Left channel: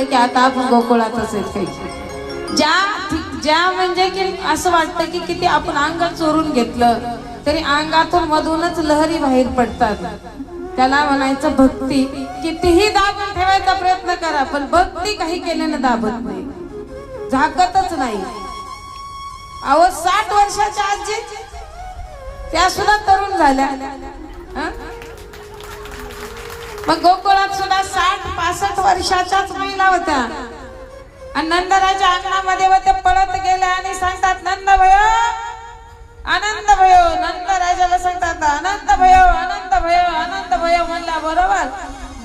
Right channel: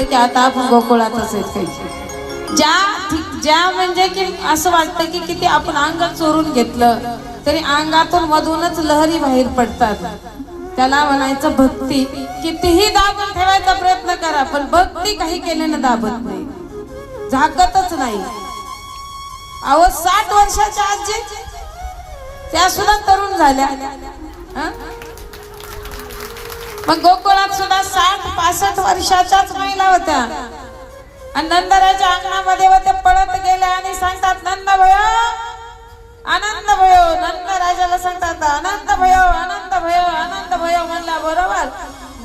वाटलं की आता आपण गोकुळातच आहेत काही. ज्या म्हणजे की असं वाटतं की किती आपण अंग चोरून घेतलं तरी अंगातून मधूनच लहरी बाहेर पडतात. त्याला म्हणायचं भक्ती. कितीही दाबून ठेवायचा प्रयत्न करा पण भक्ती काही केल्यानं दाबत नाही, झाकतच नाही. अहो 60 वर्षाच्या आजी त्या सुद्धा तरुण झाल्या. मग गोकुळात सुद्धा 60-65 वर्षाच्याच महिला होत्या. आणि नंदराच्या अंगणामध्ये ते पळत गेले आणि सांगतात नंद भयो आनंद भयो. नंद राजाला सांगतात आनंद भयो आनंद भयो आनंद भयो. म्हणल्या बरोबर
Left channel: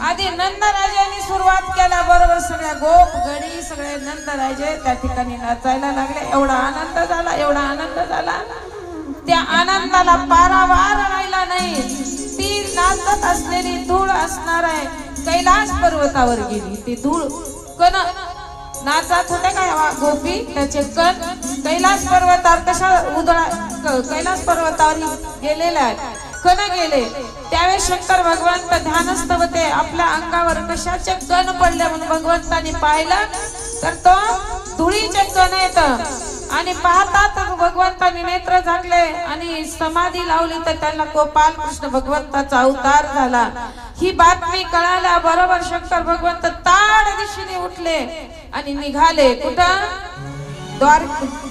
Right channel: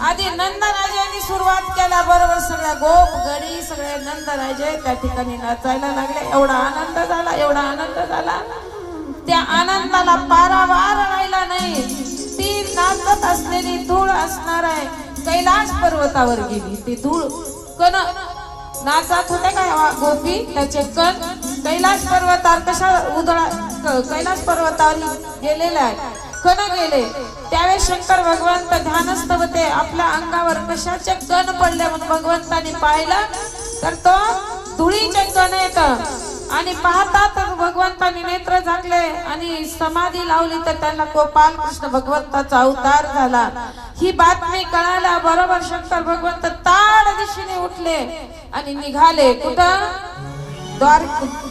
आधी नंद राजांनी सुरुवात केला, बरोबर सगळ्या गोप गडी सगळे नंद राजे त्या ठिकाणी नाचायला लागले. एवढा आनंद झाला, एवढा आनंद झाला, त्या आनंदाला पारावार राहिला नाही. ती नाचत असलेली धूळ असणार आहे कैलास पर्वतावर गेली. ती धूळ कण नाचत होते का गोपी, त्याचे कण कैलास पर्वतावर कशा कैलास पर्वतावर गेलेला आहे, कण गेले. त्यावेळेस शंकर भगवंत ध्यानस्थ होते. आपल्या अंगावर कशाचे कण पडले म्हणून भगवंताने पाहिलं तर तो धुळीचे कण येत. आणि पाहतात भगवंताने नेत्र झाकले आणि समाधी लावली तर त्यांना गोपाल कृष्ण भगवंताचा अवतार झाला. ही बातमी कळाल्या बरोबर शंकर भगवंत ताड दिशेने उठले आणि निघाले. कुठं?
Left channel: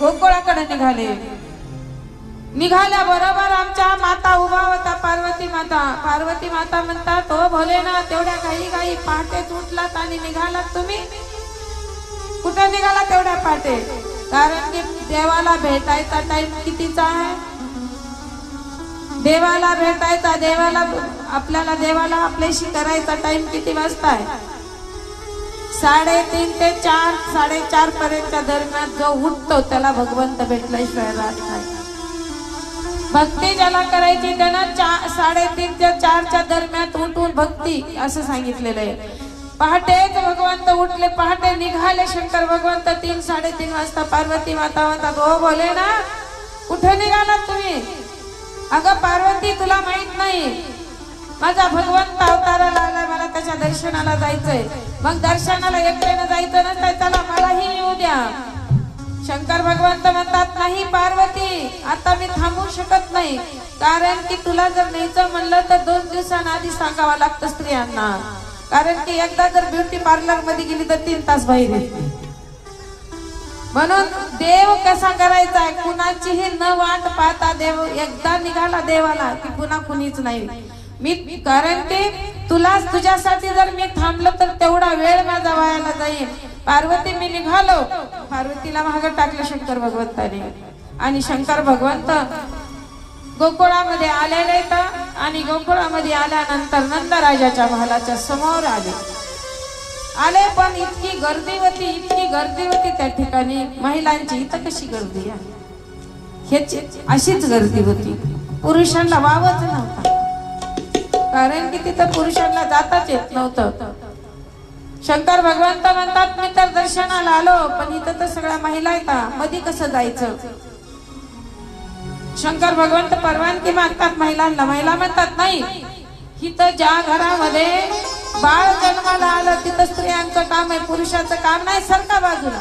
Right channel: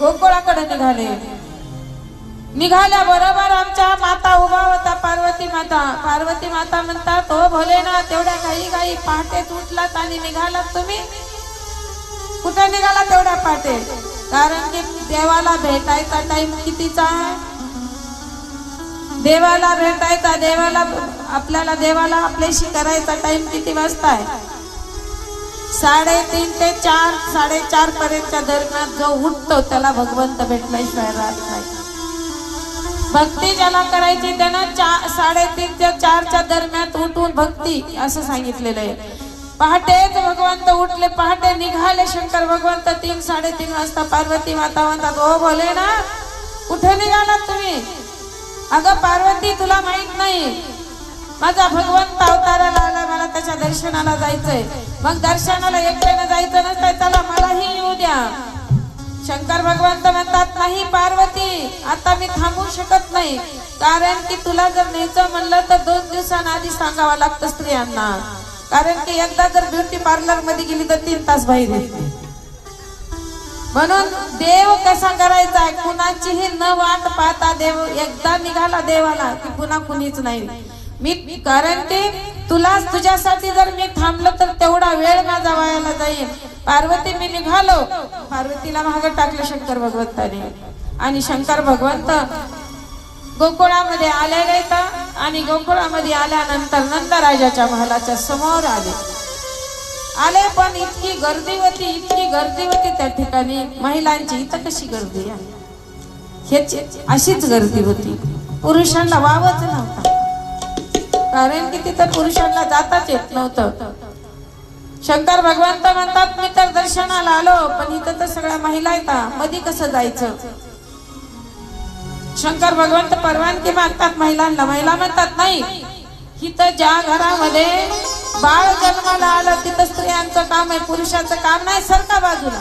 गोकुळाकडे निघाले. निघाल्या बरोबर आमच्या माता उभा होता, पार्वती माता. पार्वती माता म्हणतात हो भोलेनाथ, तेवढ्या काही पहाटेच उठलात आणि निघालात तुम्ही. कुठे निघाला तेवढ्या पहाटे? कारण की देवाला भेटायचा टाइम कितीचा आहे? देवाला भेटायचा, देवाला आपल्याशी करायचा टाइम किती वाजता आहे? 3:30 ते 4, 4:30 पर्यंतच्या दरम्यान जो उठतो त्याला भगवंत भेटल्याशिवाय राहत नाही. भक्ती ज्याला करायची त्यानं 3:30 ते 4च्या दरम्यान उठून भक्ती असं सांगितलेलं आहे. पहाटेच भगवंत उठले, पहाटे निघाले शंकर भगवंत 3-3:30 वाजता. पार्वती माता म्हणतात ओ भोले ना, कुठे निघालात तुम्ही? अगं पार्वती, तुला माहित नाही माझा भगवंत अवताराला आला, मला त्याच्या दर्शनाला जायचंय. मग दर्शनाला एकट्यानं जायचं नसतं, चला मलाही येऊ द्या. शंकर भगवंत म्हणतात नाही पार्वती, आता मी थांबू शकत नाही. कारण की तुला जर न्यायचं म्हणलं तर 2 दिवसांआधी सांगावं लागतं स्त्रियांना. कारण की एकदा जर ब्युटी पार्लर मध्ये गेली तर 3 तास बाहेर येते. म्हणून देव कसा करायचा आहे, कुणाचीही न वाट पाहता देव एकदा निघाला देवाला की पुन्हा कुणीच नाही. मी कारण की तुझ्यासाठी जर मी थांबलो तर तेवढा वेळ माझा वायाला जाईल. पार्वती मी निघालो. पार्वतीला मागं टाकलं शंकर भगवंताने. आणि शंकर भगवंत गोकुळामध्ये आलेले आणि गोकुळामध्ये आल्यानंतर नंदराजाच्या महालाच्या समोर आले. पण इतकी गर्दी होती त्या ठिकाणी महिलांची. इथं कशी गर्दी आहे? अशीच गर्दी होती. पुरुषांना वावच नव्हता, कारण की तिथं पुरुषांना जाताच येत नव्हतं. शंकर भगवंत म्हणतात मी तर दर्शनाला आलो, पण इथं तर सगळ्या महिला येतात, मध्ये कसं जायचं? शंकर भगवंत परवानगी मागतात महिलांना. महिला म्हणतात नाही, इथं ज्या घरामध्ये बाळ जन्माला आलं तिथं स्त्रियांचं काम आहे, पुरुषाचं काम नाही. सरका बाजूला.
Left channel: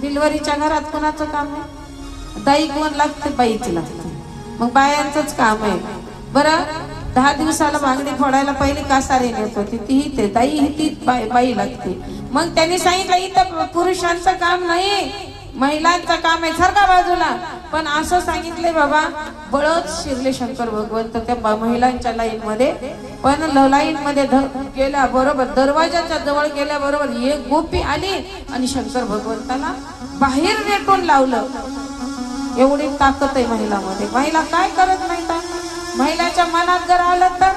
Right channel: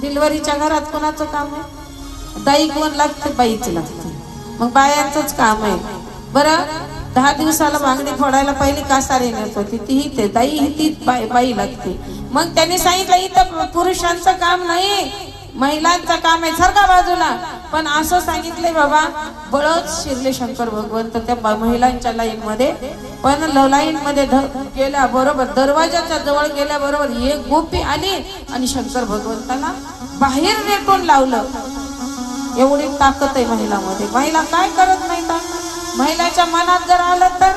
डिलिव्हरीच्या घरात कोणाचं काम आहे? दाई कोण लागते? बाईची लागते. मग बायांचंच काम आहे. बरं 10 दिवसाला बांगडी फोडायला पहिली कासारी नेत होती, तीही ते दाई, ती बाई लागते. मग त्यांनी सांगितलं इथं पुरुषांचं काम नाही, महिलांचं काम आहे, सरका बाजूला. पण असं सांगितले बाबा, बळच शिरले शंकर भगवंत त्या महिलांच्या लाईन मध्ये. पण लाईन मध्ये गेल्या बरोबर, दरवाजाच्या जवळ गेल्या बरोबर एक गोपी आली आणि शंकर भगवंताला बाहेर रेटून लावलं. एवढी ताकद आहे महिलांमध्ये. महिला काय करत नाही का? महिलाच्या मनात जर आलं तर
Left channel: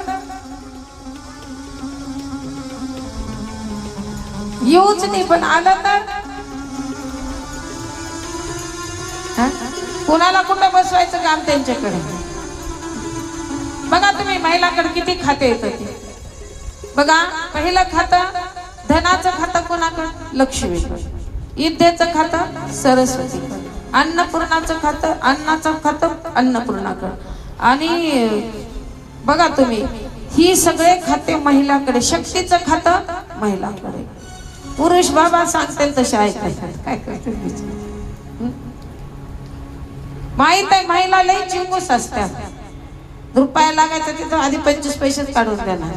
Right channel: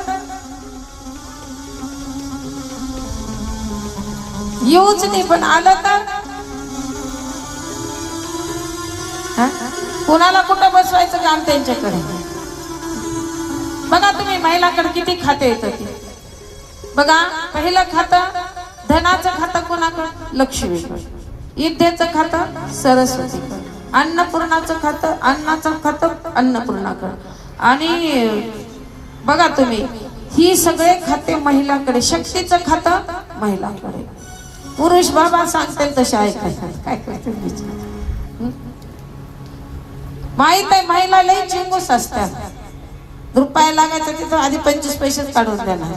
येऊच नाही, पण आलं तर कुणाला कुठं बसवायचं काम त्यांच्याकडे. बघा तुम्ही महिलाकडे किती खाते येतात. बघा पहिलं खातं धनाचं खातं कोणाकडे? लक्ष्मीकडे. विद्येचं खातं सरस्वतीकडे. अन्नपूर्णाचं खातं अन्नाचं खातं अन्नपूर्णाकडे. आणि बघा तुम्ही ही सगळे खाते महिलाकडे, शक्तीचं खातं महिलाकडे. पुरुष बाबा सांगते तसे ऐकायचं, काय करते माहित आहे. महिला लई चिंगूस असत्या, रुपया लागायचा तिथं आधी 25 पैसेच काढून देणार.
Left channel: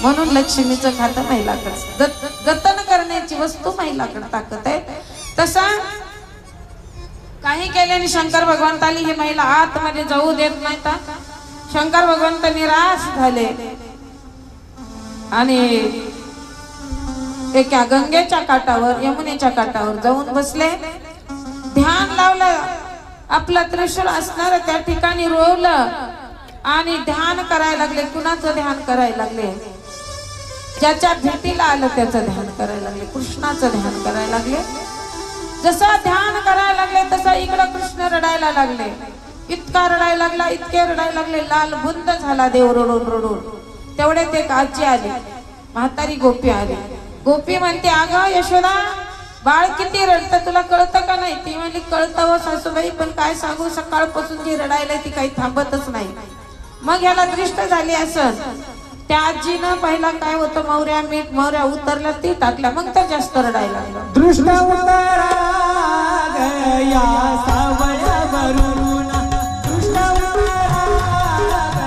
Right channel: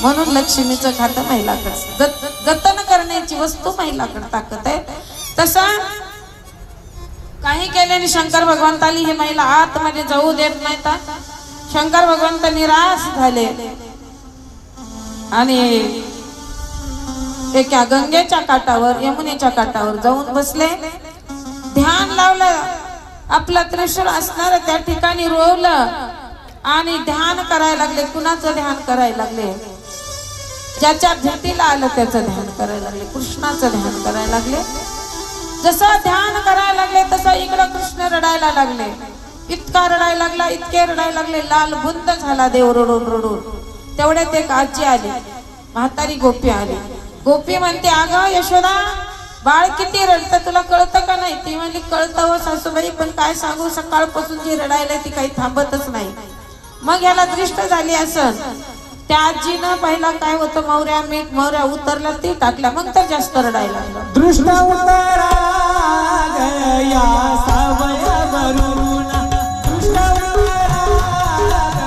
म्हणून लक्ष्मीचं खातं महिलाकडे, जतन करण्याची वस्तू महिलाकडे ताकद आहे. तसा काही केल्याने शंकर भगवंताली ही महिला आतमध्ये जाऊ देत नाही. शंकर भगवंत निराश झाले आणि एका गंगेच्या काठावर, यमुनेच्या काठावर जाऊन बसले. ध्यान लावलं, आपलं त्रिशूळ असणार त्या ठिकाणी रोवलं आणि ध्यान करायला लागले. कुणाचं ध्यान करायला लागले? ज्याच्या भेटीला आलं त्याचं ध्यान करायला लागले, कृष्णाचं ध्यान करायला लागले. जसं ध्यान करायला लागले तसं इकडं कृष्ण रडायला लागले. इतका रडायला लागला, इतके रडायला लागले, लाल बुंद झाला देव रडून रडून. तेवढ्यात एक आजी आली, म्हातारी गोपी आली. गोपी म्हणते, अगं यशोदा, बाळ किती रडतं, तुला कळतं का नाही? ती म्हणली, कळतं हो सासूबाई, पण काय सांगू, सकाळपासून जी रडायला ती काही थांबतच नाही. मग याला दृष्ट झाली असं. त्या आजीनं पहिला काय होतं, मोहऱ्या मीठ मोहऱ्या उतरला ती टाकल्या, मग तर जास्त रडायला लागलं. दृष्ट उतरा गया सावयावरून, दृष्ट उतरा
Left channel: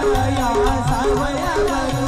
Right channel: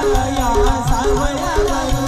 गया सावयावरून.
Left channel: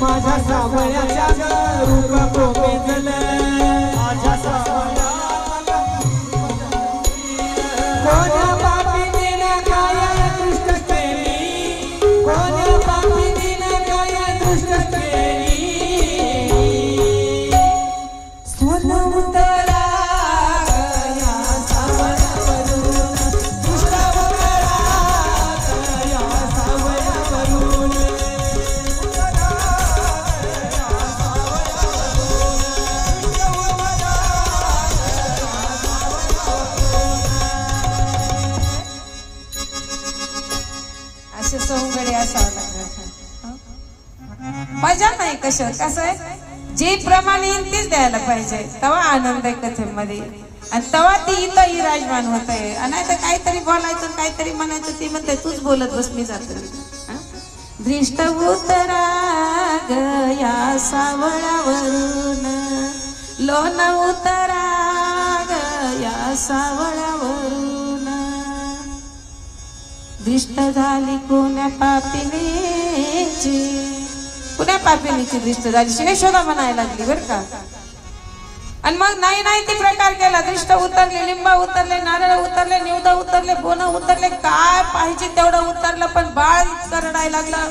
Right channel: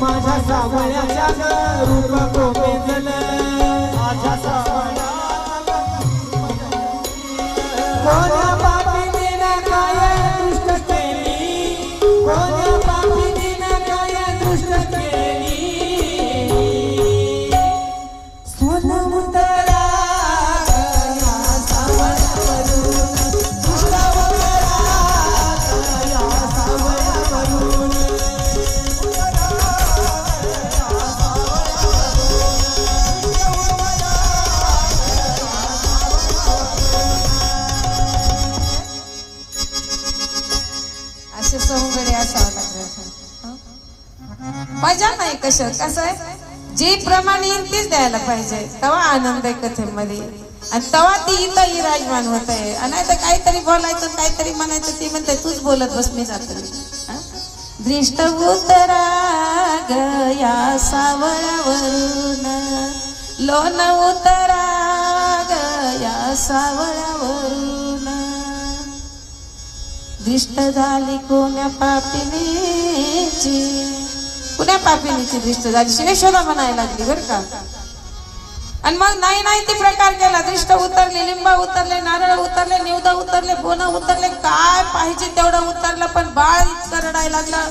माझ्या सावयाच्या रूप कोमेजल, माझ्या सावया कोण्या पापीने काय दृष्ट केली, कोण्या पापीने काय दृष्ट केली. सोन उतरा गया सावयावरून, दृष्ट उतरा गया सावयावरून. सवंगडी असावं लागलं. मजा नाही कसं कसं आहे, जे प्रमाणे येईल तीच द्यायला पाहिजे, तेव्हा आनंद आहे कथेमध्ये. आणि तेव्हा ती इथं विराजमान होत आहे. आणि आता काहीतरी बोलायचं, काहीतरी म्हणायचं, ती म्हणते तूच बोलत बस, मी जातो. दृष्ट उतरा गया सावळावरून, लोन उतरा गया सावळावरून. दृष्ट झाली कोण्या पापिनीची, कुण्या पापिनीची दृष्ट झाली, यशोदा म्हणायला लागली बरं का. आणि मग नाही नाही ती प्रकार केला. दृष्ट उतरले, लिंबा उतरले, नारळ उतरले, निवदा उतरले, बोन उतरले, काय पाहिजे तेवढं उतरलं. पण बाळ इतकं रडायला लागलं,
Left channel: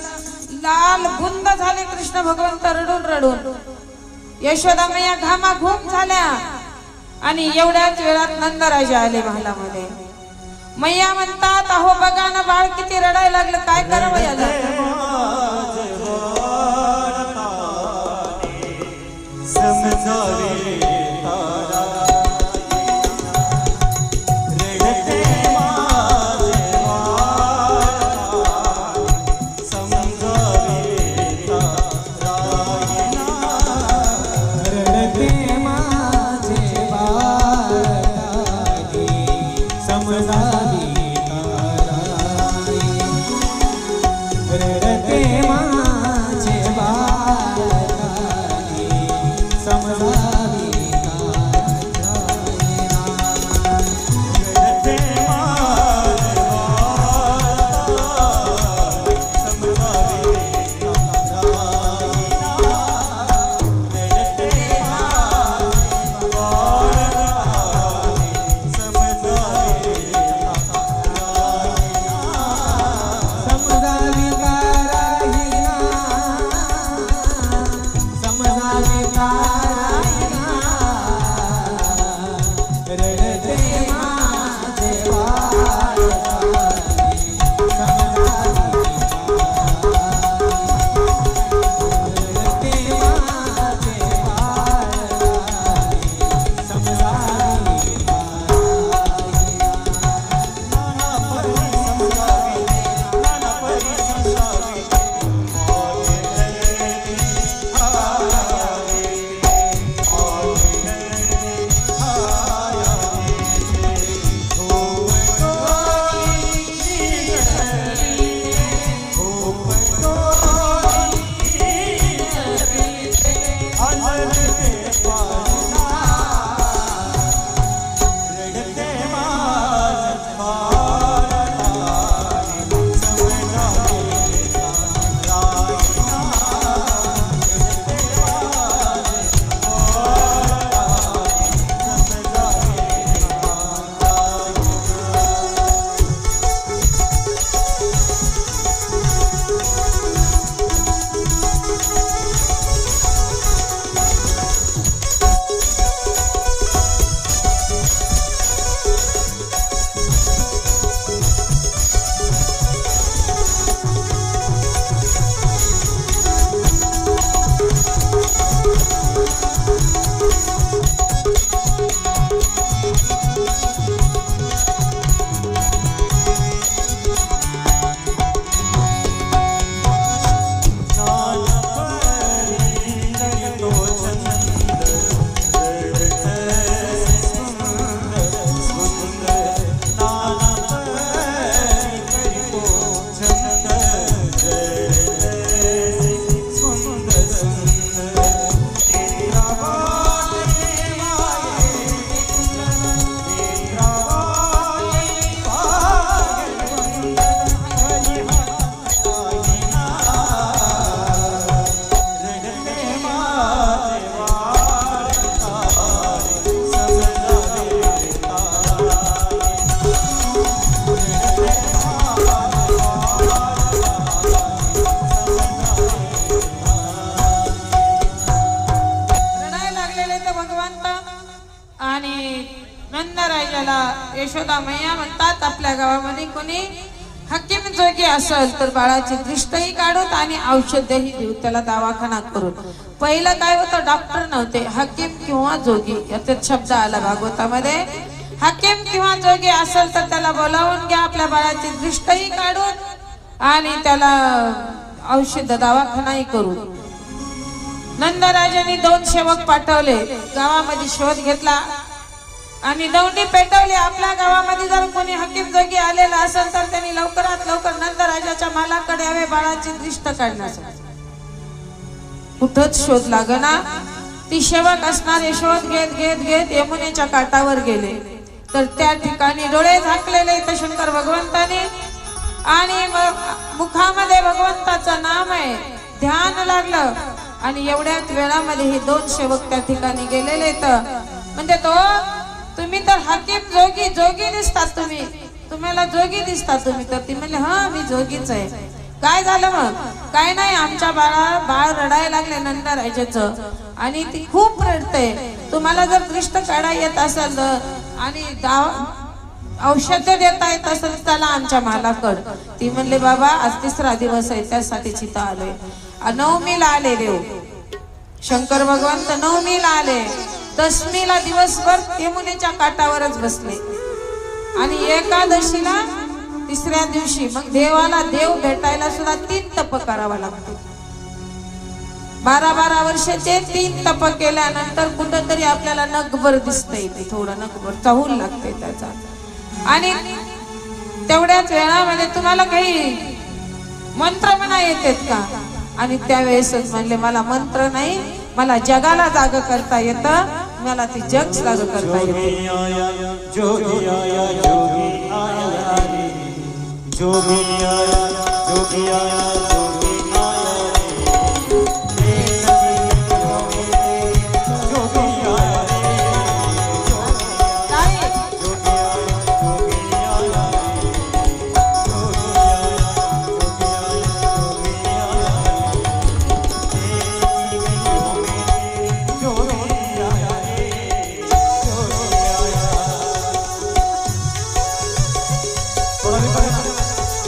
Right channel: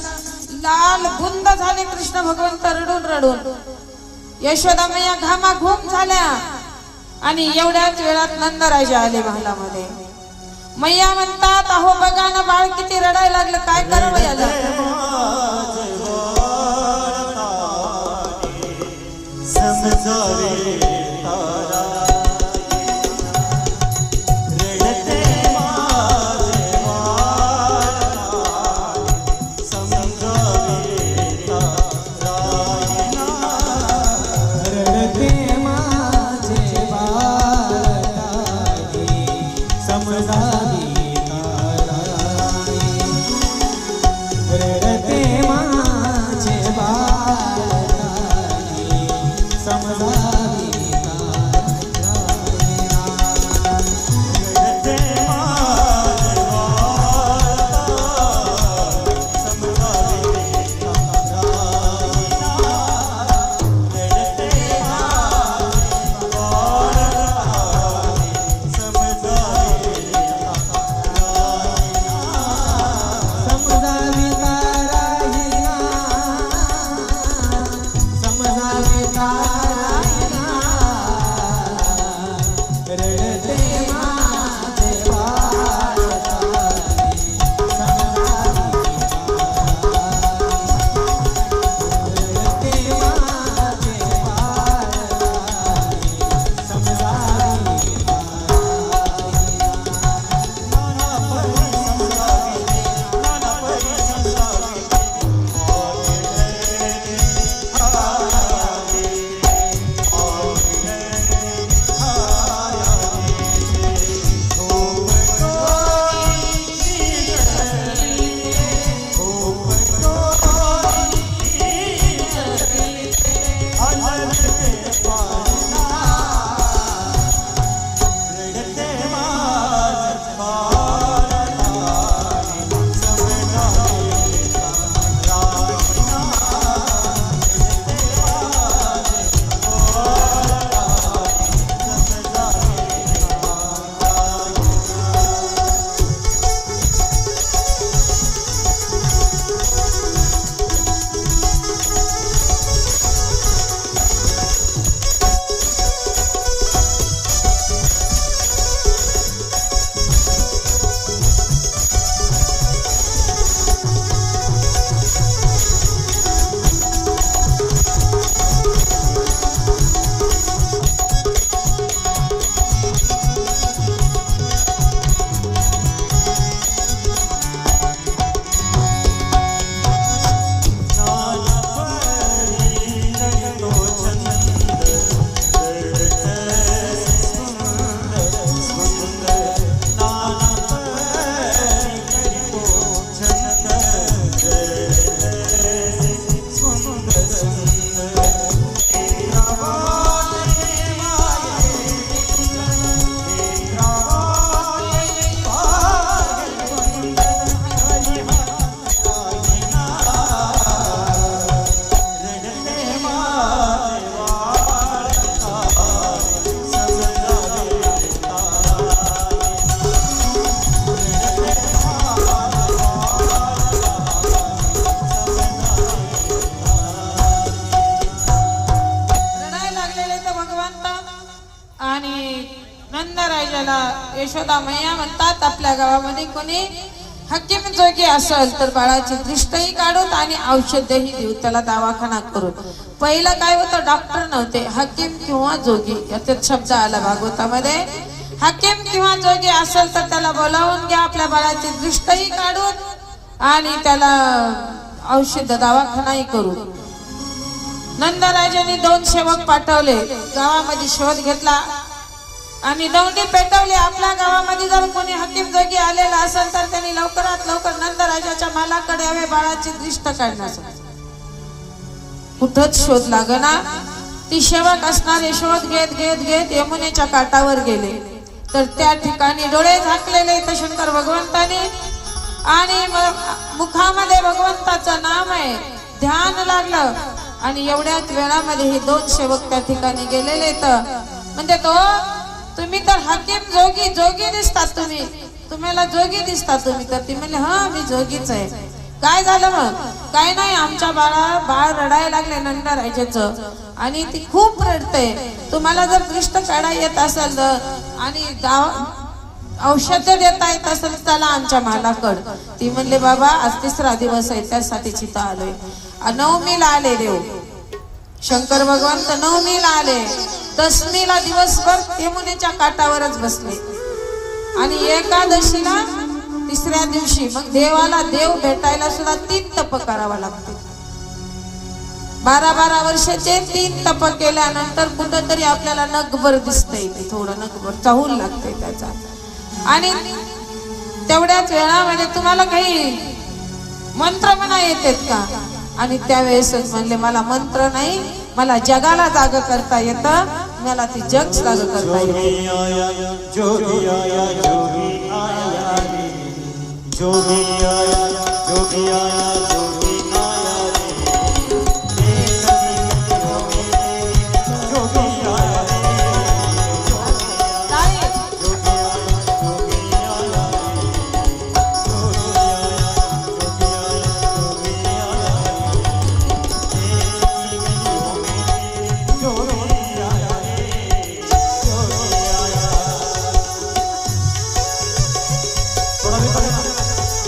लाल बुंद झाले कृष्ण भगवंत रडून रडून. यशोदा मैया घामाघूम झाल्या. आणि एवढ्याच वेळात नंदराजे आले महालामध्ये. मैया म्हणतात, अहो बघा ना, बाळ किती रडायला लागलं, काय करावं याला. रडते माझे बाळ. यशोदा मैया म्हणतात आपल्या गावामध्ये कोणी हकीम जोगी असेल तर बाळाची दृष्टही काढूत आणि औषधही देऊ, त्याला दवाखाना करू. पहिलं काय होतं, डॉक्टर नव्हते, हकीम किंवा जोगी याच्यात शब्द आला भागवतामध्ये. हकीम किंवा जोगी असेल तर त्याला बोलावून घ्या, आपल्या बाळाची दृष्टही काढून आणि त्याला औषध दवाखानाही करू. नंदराजांनी 2 सेवक पाठवले, गावामध्ये शोध घेतला आणि दौंडी पेटवली. आपल्या गावामध्ये जर कोणी हकीम जोगी आलेला असेल तर त्यांनी लवकरात लवकर नंदराजाच्या मालाकडे यावे बाळाची दृष्ट काढण्यासाठी. कुठंच शोध लागना. ती सेवक असणारे शोध घेत घेत घेत यमुनेच्या काठावर गेले तर त्या ठिकाणी डोळे झाकलेले तर शंकर भगवंताने आणि मुखामध्ये भगवंताचं नाम आहे, ध्यान लागलं आणि एवढ्याच वेळामध्ये हे 2 सेवक त्या ठिकाणी गेलेले. तर म्हणजे तो तुम्ही तर हकीम जोगी जोगी दिसतात, तुम्हाला जोगी दिसतात तुम्ही. तर ती म्हणले हा मी जोगीच आहे. काय झालं मग? काय नाही, आमच्या बाळ रडायला लागले नंदराजाचं आणि ती खूप रडते. तुम्हाला जर दृष्ट काढा येत असेल आणि औषध देता येत असेल त्याला आमच्या मालाकड. ती म्हणले बाबा आज 3रा दिवस आहे त्यासाठी चिता आलोय. 9मीला आले देव शंकर भगवंत, 9मीला आले. 10मीला दिवसभर यमुनेच्या काठावरच बसले आणि एकादशीला 3ऱ्या दिवशी मग देवाला देव भेटायला सुद्धा 3 तप करावा लागते. 12-12 वर्षाचे 3 तप केल्यानंतर कुठंतरी आपल्याला नगभर दिसतंय, ते थोडं नगभर चाहूल लागते त्याचा. आणि तेवढ्याच वेळामध्ये तुम्हाला काही मंत्र म्हणा येतात का? आणि त्यावेळेसच म्हणले मला मंत्र नाही, मला जगाला जाग करता येतं, मला ती जग जाग करता येते. जोगी आया जोगी आया रे, जोगी आया जोगी आया जोगी आया रे, जोगी आया रे,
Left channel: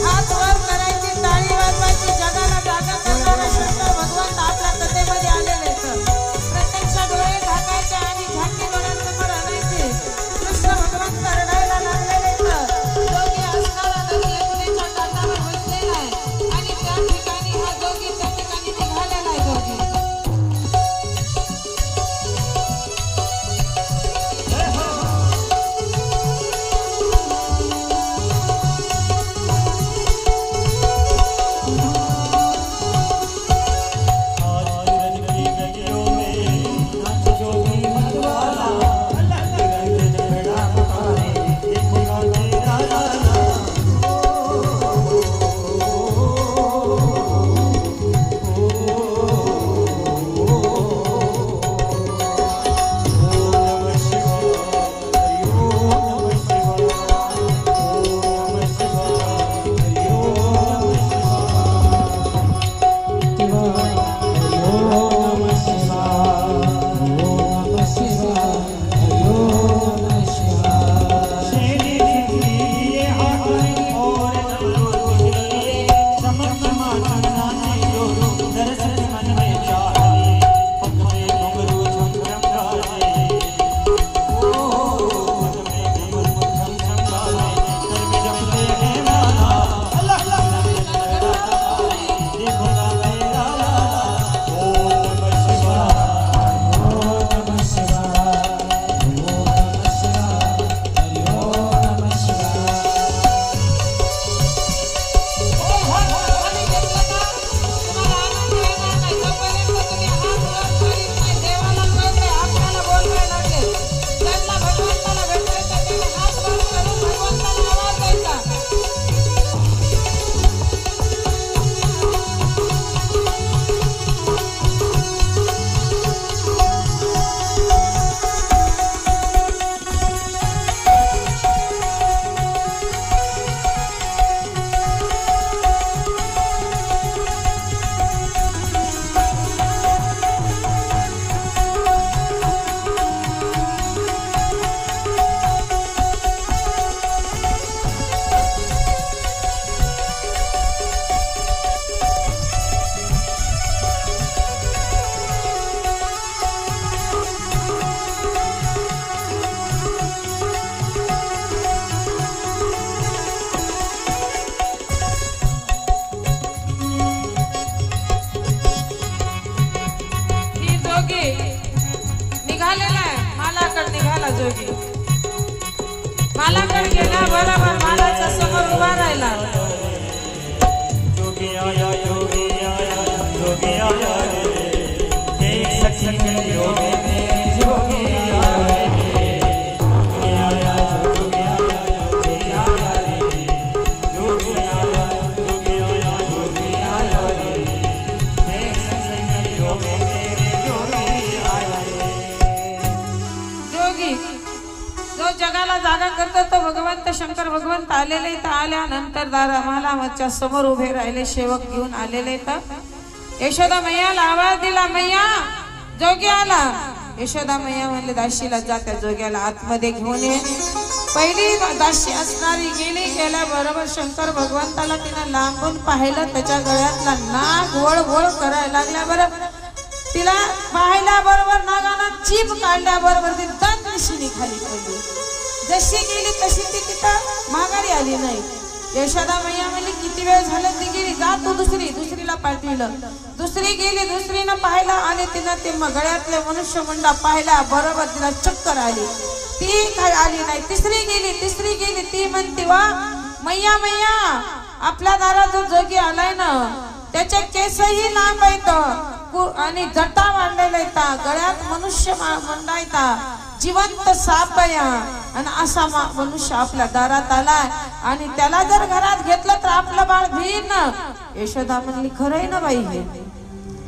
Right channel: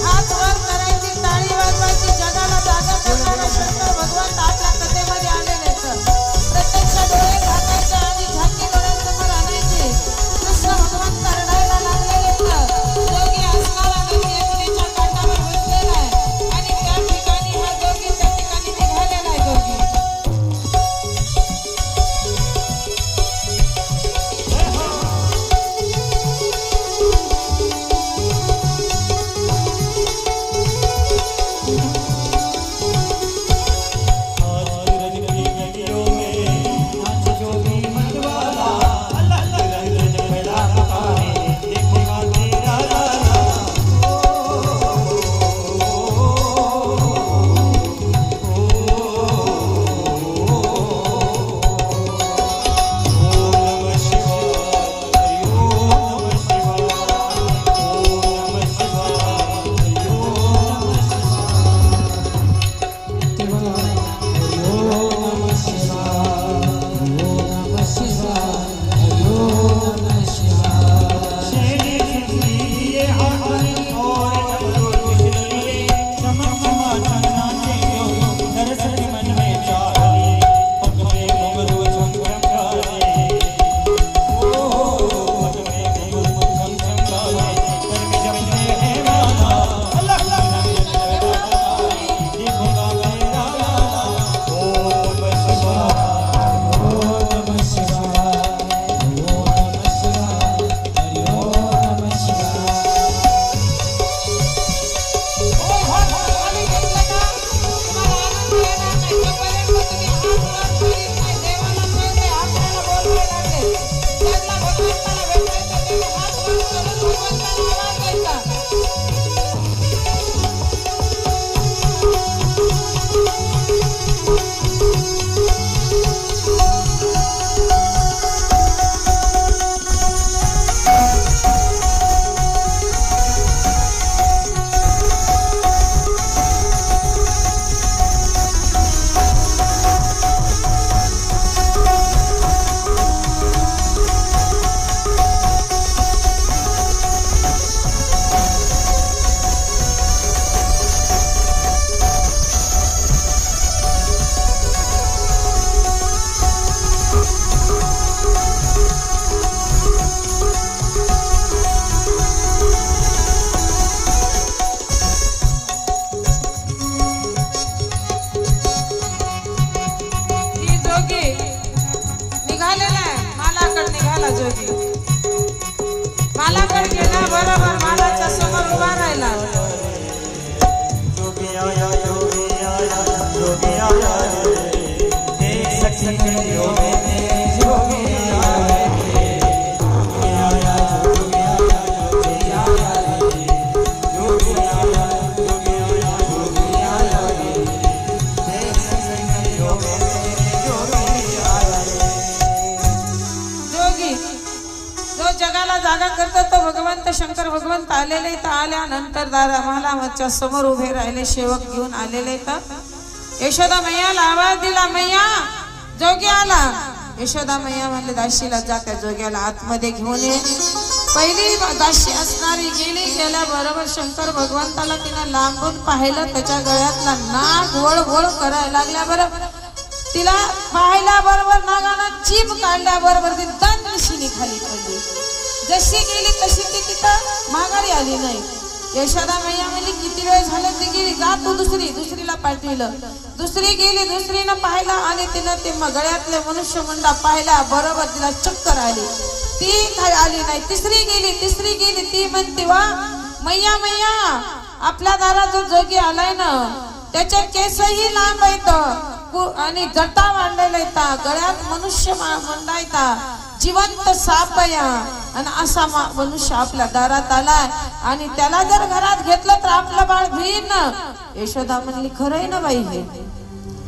हात वर करायची, टाळी वाजवायची, जगाला जागा करणारा शंकर भगवंत आपल्या कथेमध्ये आलेले आहेत. प्रत्यक्ष डोळे झाकायचे आणि झाकी डोळ्यात समोर आणायचे. कृष्ण भगवंत रडायला लागलेले आहेत. जोगी असणारा जोगी यमुनेच्या काठावर बसलेला आहे आणि त्या ठिकाणी हा जोगी त्या ठिकाणी निघालेला आहे. जोगी भगवंत आलेले तर आल्यानंतर दारामालाच्या समोर उभे राहिले सेवक घेऊन आलेले तर यशोदा मैयाला आवाज दिला, मैया जोगी आला. यशोदा मैया म्हणले दाशीला जा त्या जोग्याला आतमध्ये घेऊन ये. पहिली दाशी असणारी गेली. गेल्याबरोबर शंकर भगवंताला तिनं लांबून पाहिलं. त्याच्या गळ्यातला नाग वळ वळ करायला लागल्या. बरं तिला पाहिल्या बरोबर नागानं जीभ काढल्याबरोबर ती दंडशिनी खाली पडली. जशी गेली तशी ती तिथं माघारी आली नाही. यशोदा मैया म्हणली किती वेळ झालं ती गेली, जा तू दुसरीला पाठविलं. दुसरी गेली, दुसरीनं पाहिला आणि तिनं ते गळ्यातले मनुष्यमुंडा पाहिला बरोबर तिला चक्कर आली. ती काय आली नाही. तिसरी गेली. ती म्हणते वा मैया मैया आपल्या दारात जो जोगी आलाय ना त्याचे केसही लांब आहेत आणि जटा मांडलेला येता, गळ्यात मनुष्य मुंडा येता, जिवंत साप या आणि असा मनुष्य आपल्या दारात आलाय आणि त्याला जर घरात घेतलं तर आपलं बाळ भिन ना. यशोदा म्हणली खरंय ना बाई हे.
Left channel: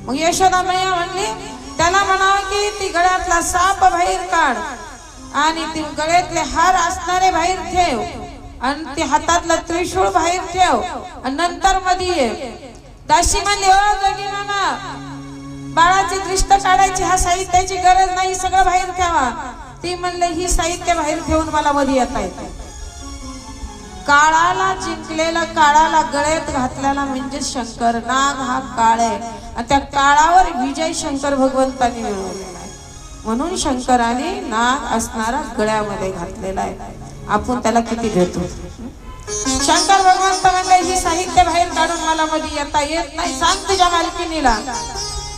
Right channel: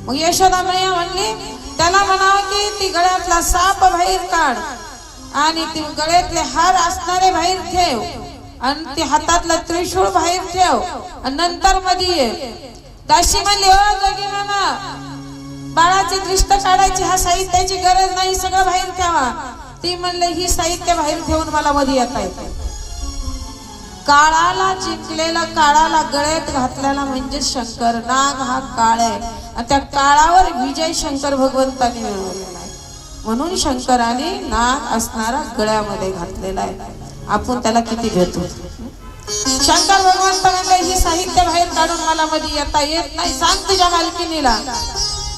मग यशोदा मैया म्हणली त्याला म्हणावं की ती गळ्यातला साप बाहेर काढ आणि ती गळ्यातले हार असणारे बाहेर ठेव आणि ती हातातला त्रिशूळ बाहेर ठेव आणि नंतर मध्ये ये. दाशी म्हणली ओ जोगी मामा बाळाची दृष्ट काढायची ह्या साहित्याची गरज नाही, सगळं बाहेर ठेवा. ती म्हणले ही साहित्य बाहेर ठेवून मला मध्ये येता येते. काळाला जिंकलेला काळाला गळ्यात घातलेला म्हणजे शंकर. नाग हा काळ आहे आणि त्या काळावर विजय शंकर भगवंतांनी मिळवलेला आहे. म्हणून शंकराने नाग असणारा गळ्यामध्ये घातलेला आहे. आपण त्याला किती घेतो. शंकर भगवंत म्हणले ही साहित्य बाहेर काढून मला मध्ये येता येत नाही, सांग तुझ्या मालकिनीला.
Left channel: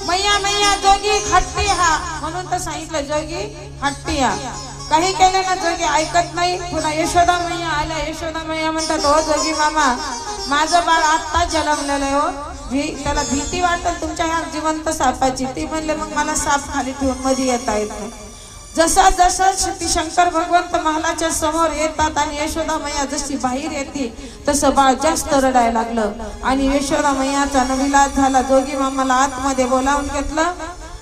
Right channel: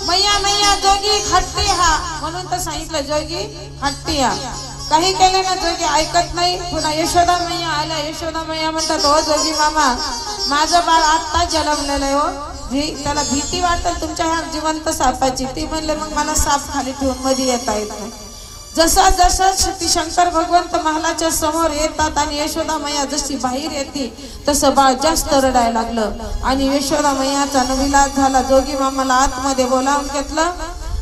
मैया मैया जोगी हट्टी हा म्हणून तर सांगितलं जोगी हट्टी हा. काही केले ना जोगी ऐकत नाही. पुन्हा यशोदा मैया आल्या. यशोदा मैया म्हणतात ओ जोगी मामा माझं बाळ आत्ता जन्मलेलं आहे हो, त्याला भीती वाटत तुमच्या ह्या जिवंत सापाची. ती म्हणले मग मला साप खाली ठेवून मध्ये येता येत नाही. जसा ती शंकर भगवंत महालाच्या समोर येतात आणि यशोदा मैया जशी बाहेर येते तसं बाळ जास्त रडायला लागलं आणि यशोदा मैयाचा नविलाज झाला. जोगी मामाला आतमध्ये बोलावून घेतलं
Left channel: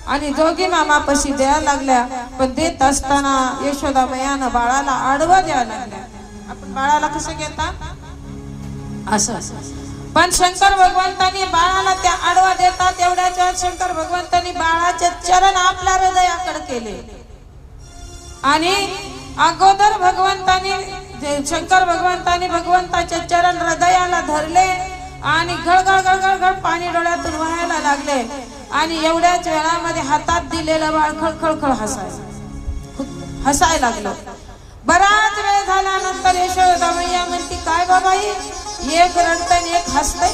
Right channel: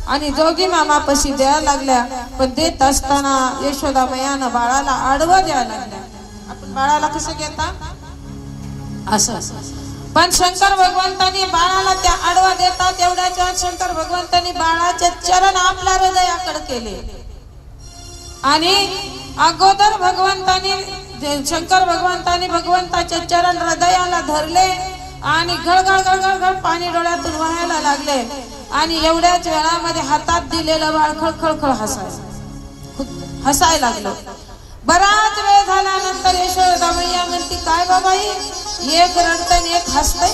आणि जोगी मामापाशी द्यायला लागल्या. पण देत असताना यशोदा मैयानं बाळाला आडवं द्यायला लागल्या. आपण बाळाला कसं घेता असं, पण शंकर भगवंतांनी बाळाला त्या आडवा देतात. एवढ्याच्या शंकर भगवंतांनी बाळाचे चरण आपल्या हृदयाकडे केले आणि अगोदर शंकर भगवंतांनी भगवंताचे चरण हृदयाला धरले आणि गळगळ गळगळ गळ पाणी डोळ्यातून वाहायला लागले आणि एवढ्याच वेळामध्ये हातात दिलेलं बाळ खळखळ हसायला लागलं. बराच वेळ झाल्यानंतर यशोदा मैया म्हणती काय बाबा ही एक रडतय एक हसतय,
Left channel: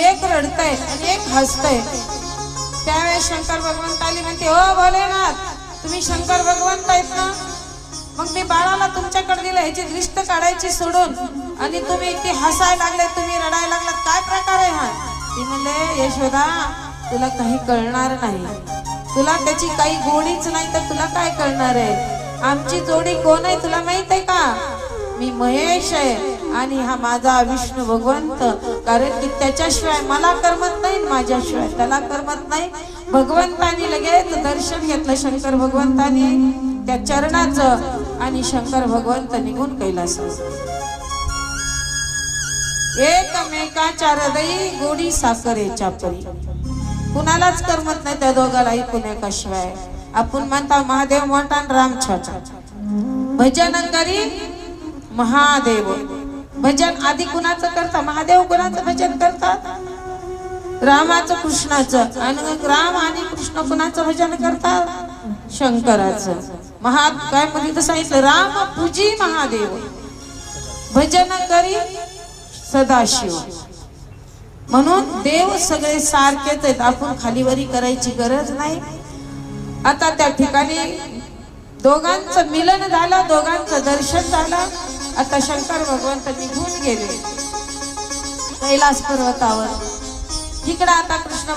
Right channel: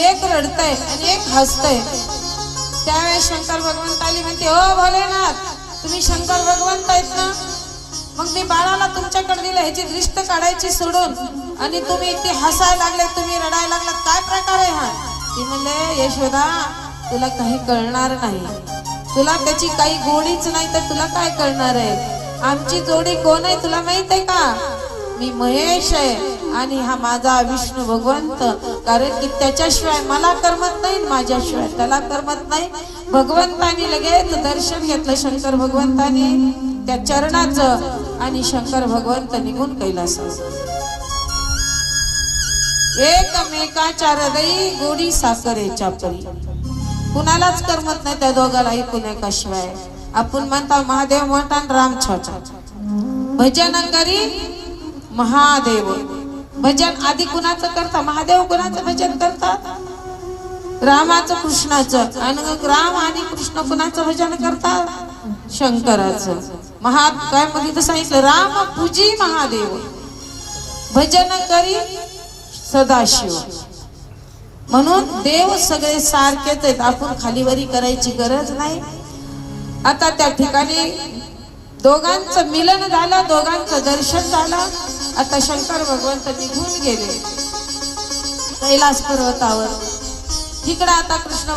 एक रडतय आणि एक हसतय. त्यावेळेस शंकर भगवंतानी म्हणते ओ भोलेनाथ तुम्ही शंकर भगवंत आहेत ना, मग मी बाळाला तुमच्याकडे दिलं ह्याची दृष्ट काढायची सोडून आणि तुम्ही इतके हसायला लागले, तुम्ही रडायला लागलात, काय प्रकार आहे हा. ती म्हणले यशोदा तुला काही कळणार नाही, तुला त्याची काही गोडीच नाही तर तुला काय कळणार आहे. आमची जोडी कोण आहे तुला माहित आहे का, मी महेश आहे आणि हा माझा विष्णू भगवंत. कारण की त्याच्याशिवाय मला करमत नाही, माझ्याशिवाय त्याला करमत नाही. भगवंतानी लगेच दर्शन घेतलं शंकर भगवंतानी त्या चरणाचं आणि शंकर भगवंत निघून कैलासास. एकमेकाच्या हृदयी गोडी साखरेच्या परी. कुणालाच करमत नाही त्या दोघाला ऐकून एकाशिवाय. आपण म्हणता महादेव मोठा राम छोटा, भजन करी महादेव. भजन आधी कुणाचं करता, महादेव कुणाचं भजन करतात, रामाचं कृष्णाचं. आणि राम आणि कृष्ण कुणाचं भजन करतात, शंकराचं. काय मध्ये सांगितलं राम पूजी महादेव भजन करी सदाशिव. म्हणून देव सगळे सारखेच आहेत, आपण खालीवरी करायची गरज नाही. आता त्या ठिकाणी दोघांचं मिलन झालं, दोघांचं दर्शन झालं. आता शंकर भगवंत निघून गेले कैलास पर्वतावर. इकडं आता कृष्ण